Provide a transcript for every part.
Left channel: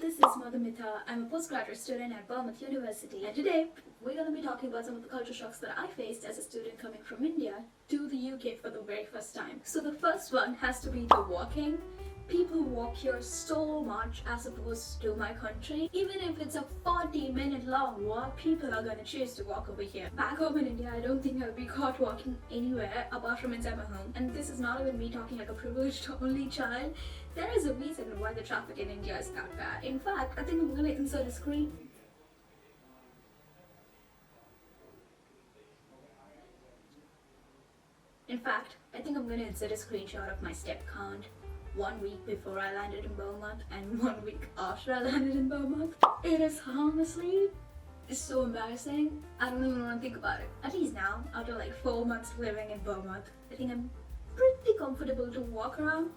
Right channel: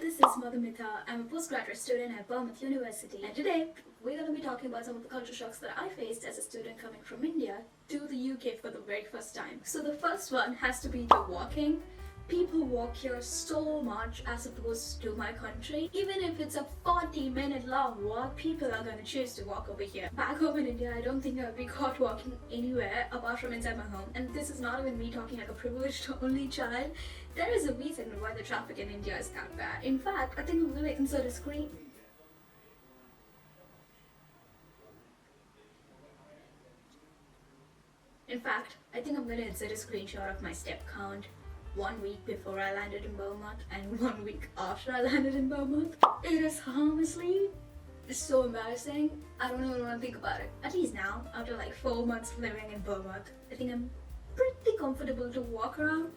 This is Madhumitha. I'm a postgraduate student at Bournemouth University, and today we're going to be talking about some of the culture shocks that I faced as a student coming from India to the UK for the very first time. So the first one has to be the walking. People walk here so much as opposed to my country. Even if it's a 40-minute long walk, people are gonna choose to walk over here. Back home in India, I don't think I'll be caught walking anywhere apart from inside my home. And this is not even me talking like a privileged only child. There is a reason why the traffic in India is that bad. In fact, I think I'm gonna insert a screen. Screenshot of my step count 1 week before I landed in Bournemouth and 1 week after I landed in Bournemouth. It is honestly so embarrassing. I don't even want to think about it. At least now, after like 4 months living in Bournemouth, I think I'm pretty comfortable to walk around.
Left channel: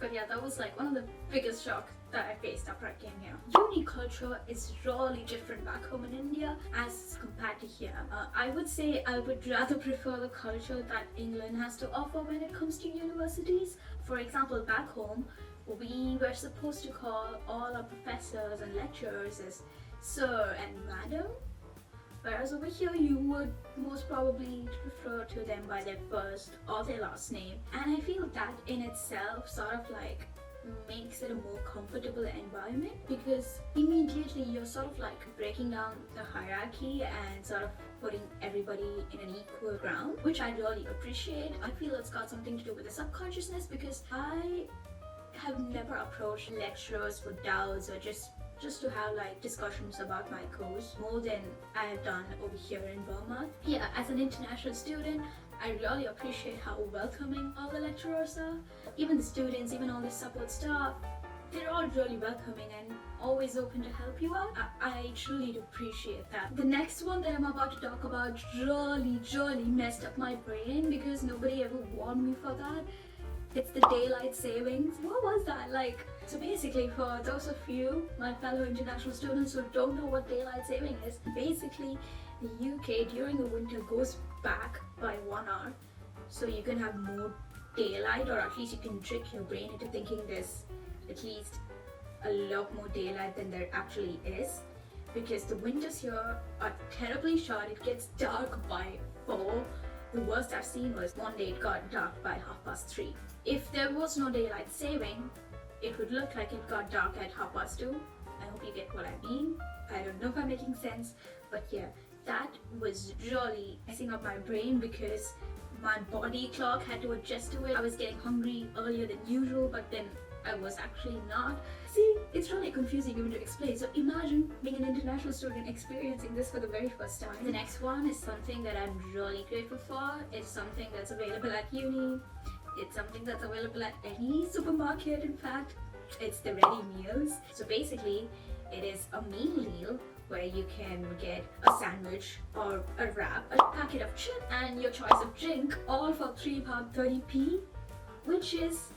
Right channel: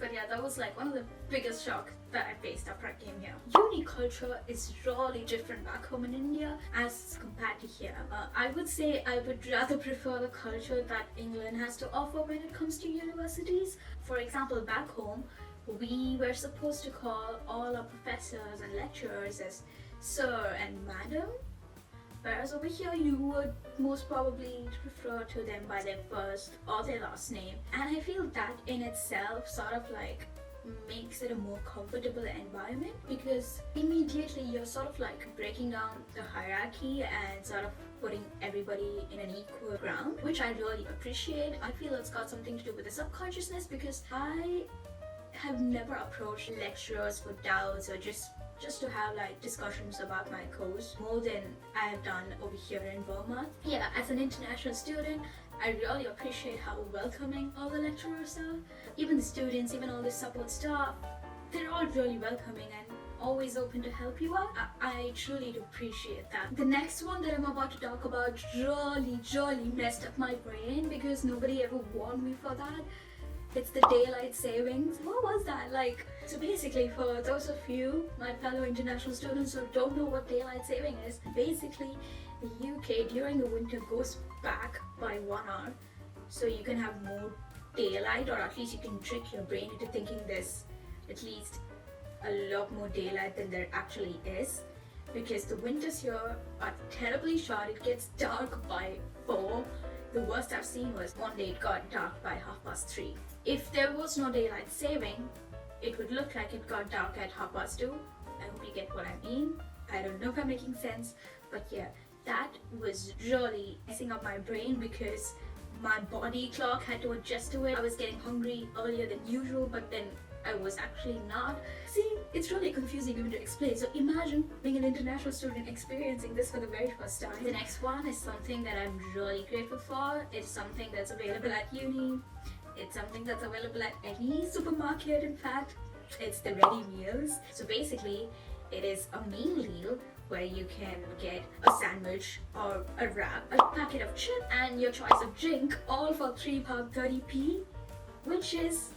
But yeah, that was like one of the biggest shocks that I faced after I came here. Uni culture is really different back home in India as compared to here. I would say I would rather prefer the culture that England has to offer when it comes to universities. For example, back home, we were supposed to call all our professors and lecturers as sir and madam. Whereas over here, you would most probably refer to them by their first or their last name. And I feel that in itself sort of like makes it a more comfortable environment, because immediately you're sort of like breaking down the hierarchy and sort of putting everybody in an equal ground, which I really appreciate. I feel it's got something to do with the subconsciousness, because I have never approached lecturers for doubts or just to have like discussions about my course more than I have done over here in Bournemouth. Yeah, as an international student, I really appreciate how welcoming all the lecturers are. Even the students, even all the support staff, they're all really welcoming and always open to help you out. I truly appreciate that. The next one that I'm about to talk about really messed up my brain because nobody ever warned me for that. It's the daylight savings. What was that like? So basically, for those of you, my fellow international students who don't know what daylight saving is, basically the UK during the winter goes back by 1 hour, so you can have more daylight, or at least you can trick your brain into thinking there's at least a lot more daylight than there actually is. Because the winters here are terribly short. It gets dark by 4. The worst I've seen was one day it got dark by 3:30. If there was no daylight saving, it would look like it got dark at 2:30. I hope you get what I mean. I don't know if I'm making sense, but yeah, that was really messing up my brain because my body clock had to adjust to it. I was getting hungry earlier than usual, but then I was actually not. See, it's really confusing even to explain. So imagine being an international student experiencing this for the very first time. The next one is something that I'm really grateful for. It's something that's available at uni. It's something that's available at any supermarket, in fact. It's the ready meals. So basically, it is a meal deal where you can get a sandwich or a wrap, a packet of chips, and your choice of drink, all for £3.30p, which is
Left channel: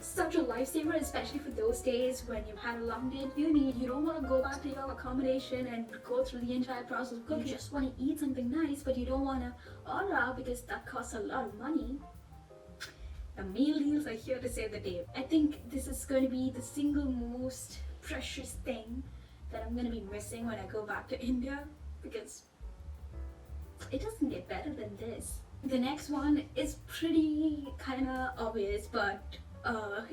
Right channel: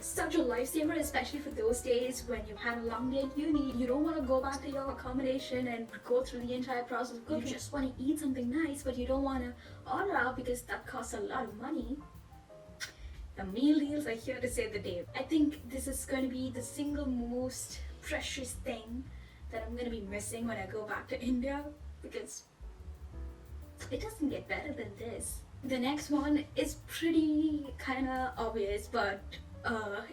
such a lifesaver, especially for those days when you've had a long day at uni. You don't want to go back to your accommodation and go through the entire process of cooking. You just want to eat something nice, but you don't want to order out because that costs a lot of money. The meal deals are here to save the day. I think this is going to be the single most precious thing that I'm going to be missing when I go back to India, because it doesn't get better than this. The next one is pretty kind of obvious, but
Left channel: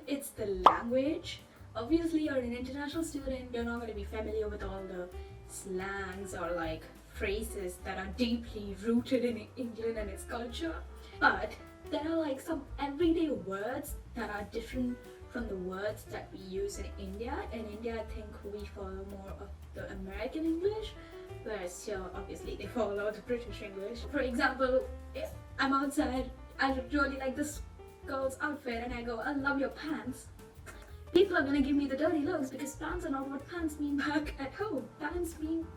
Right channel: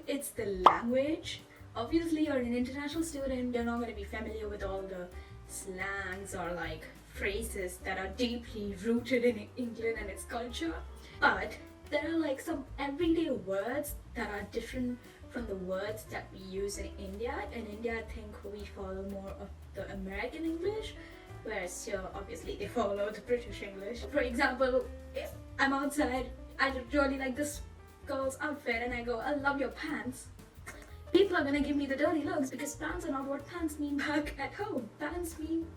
it's the language. Obviously, you're an international student, you're not going to be familiar with all the slangs or like phrases that are deeply rooted in England and its culture. But there are like some everyday words that are different from the words that we use in India. In India, I think we follow more of the American English, whereas here, obviously, they follow the British English. For example, if I'm outside, I really like this girl's outfit and I go, I love your pants. People are gonna give me the dirty looks because pants are not what pants mean back at home. Pants mean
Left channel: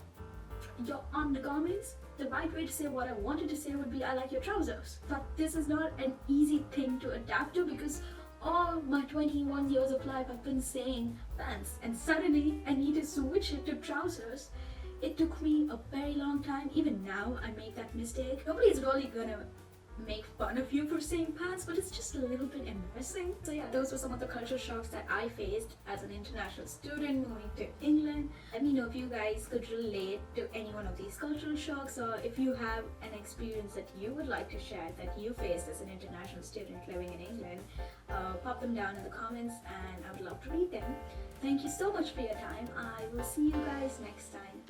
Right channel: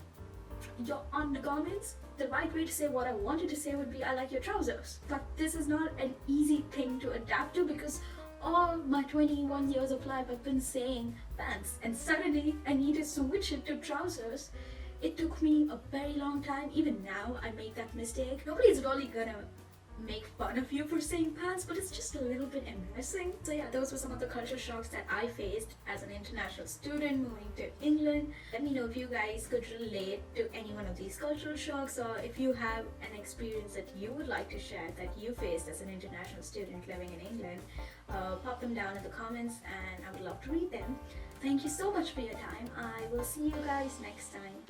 your undergarments. The right way to say what I wanted to say would be, I like your trousers. But this is not an easy thing to adapt to because all my 21 years of life I've been saying pants, and suddenly I need to switch it to trousers. It took me a very long time. Even now I make that mistake. Nobody's really gonna make fun of you for saying pants, but it's just a little bit embarrassing. So yeah, those were some of the culture shocks that I faced as an international student moving to England. Let me know if you guys could relate to any one of these cultural shocks, or if you have an experience that you would like to share that you faced as an international student living in England. Pop them down in the comments and I would love to read them. Thank you so much for your time. I will see you guys next time.